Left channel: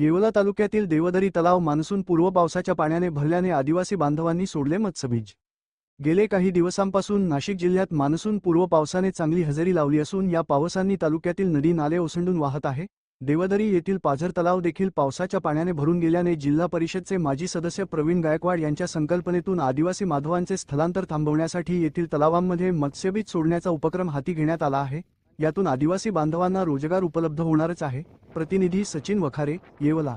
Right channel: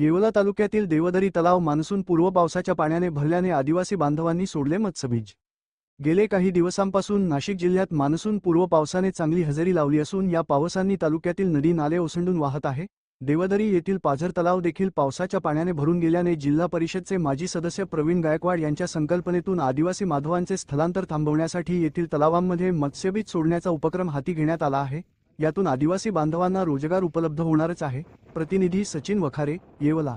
येवला तालुक्यातील देवदरी तलाव मान्सून पूर्व पावसाच्या पाण्याने भरल्याने आदिवासी बांधवांनी सोडले मत्स्यबीज. गेले काही दिवसांपासून नाशिक जिल्ह्यात मान्सून पूर्व पावसाने चांगली हजेरी लावली असून या पावसांनी तालुक्यातील नदी नाले ओसंडून वाहत आहे. देवदरी येथील पाझर तलाव देखील पावसाच्या पाण्याने भरून गेल्याने जिल्हा परिषदचे माजी सदस्य प्रवीण गायकवाड यांच्या संकल्पनेतून आदिवासी माधवांचे स्थलांतर थांबवण्यासाठी येथील तलावांमध्ये मत्स्यबीज सोडण्याचा उपक्रम हाती घेण्यात आला आहे. यातून आदिवासी बांधवांना रोजगार उपलब्ध होणारच आहे. प्रतिनिधी सचिन वखारे येवला.